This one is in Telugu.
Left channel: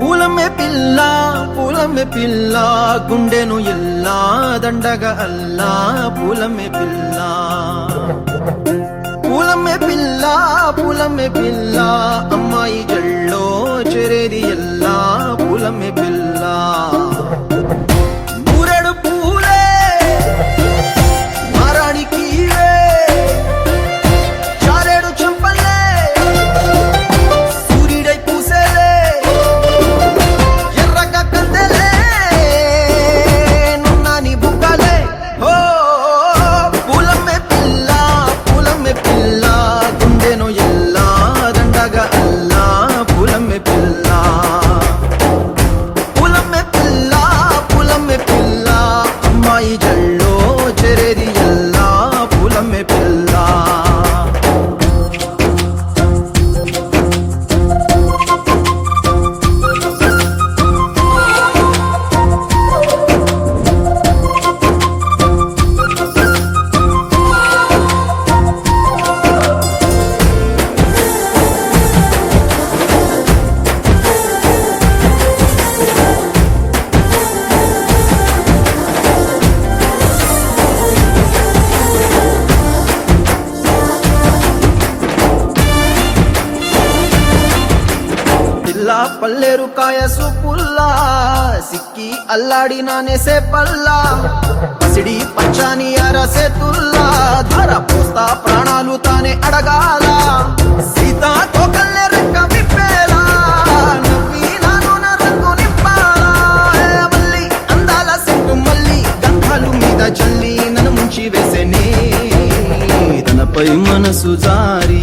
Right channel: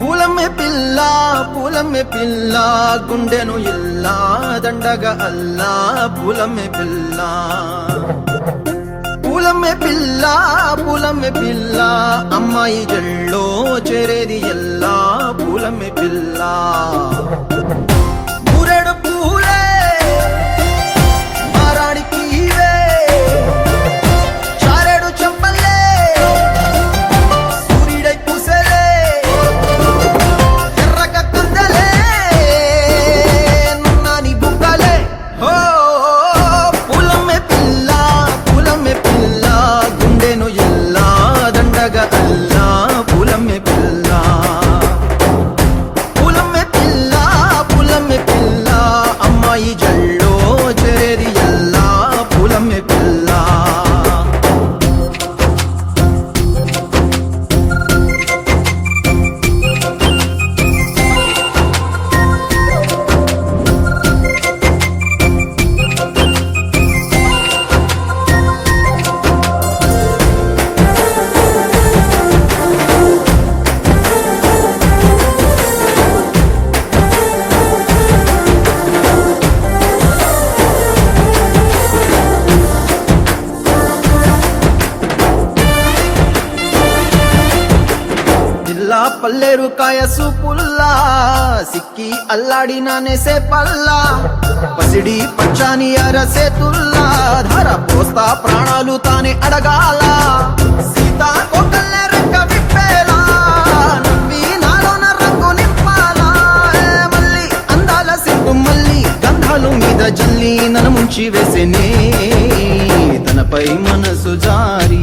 పూలమే పిల్ల గుండెను ఎల్లా దండగా అల్లా పూలమే పిల్ల పూలమే పిల్ల అమ్మాయి జల్లో చేరి ఎల్లా పూలమే పిల్ల ఊరెడు పూలే మారాడికి చారెడు చెప్పలే సూర్యుడై పూసే ఎర్రగా కందలే నున్నాని బుక్కలే హో పూలమే పిల్ల గుండెను ఎల్లా దండగా అల్లా పూలమే పిల్ల అమ్మాయి జల్లో చేరి ఎల్లా పూలమే పిల్ల పిల్ల పల్లెరు కాయ సూపుల్లా సిక్కి అల్లాడి నానేసే పల్లా పసిడి పచ్చాని అరసే తుల్లా ధర పోస్తా ప్రాణాలు తానే అడగాల సీతా కోకల్లే రెక్క విప్పేలా నమ్మి నాలోన రంగు నింపాలా మల్లి అందాల సెంటు మల్లి గంధాలు మీద జల్లి నన్ను ముంచి వేసేనే తనపై మనసు జారి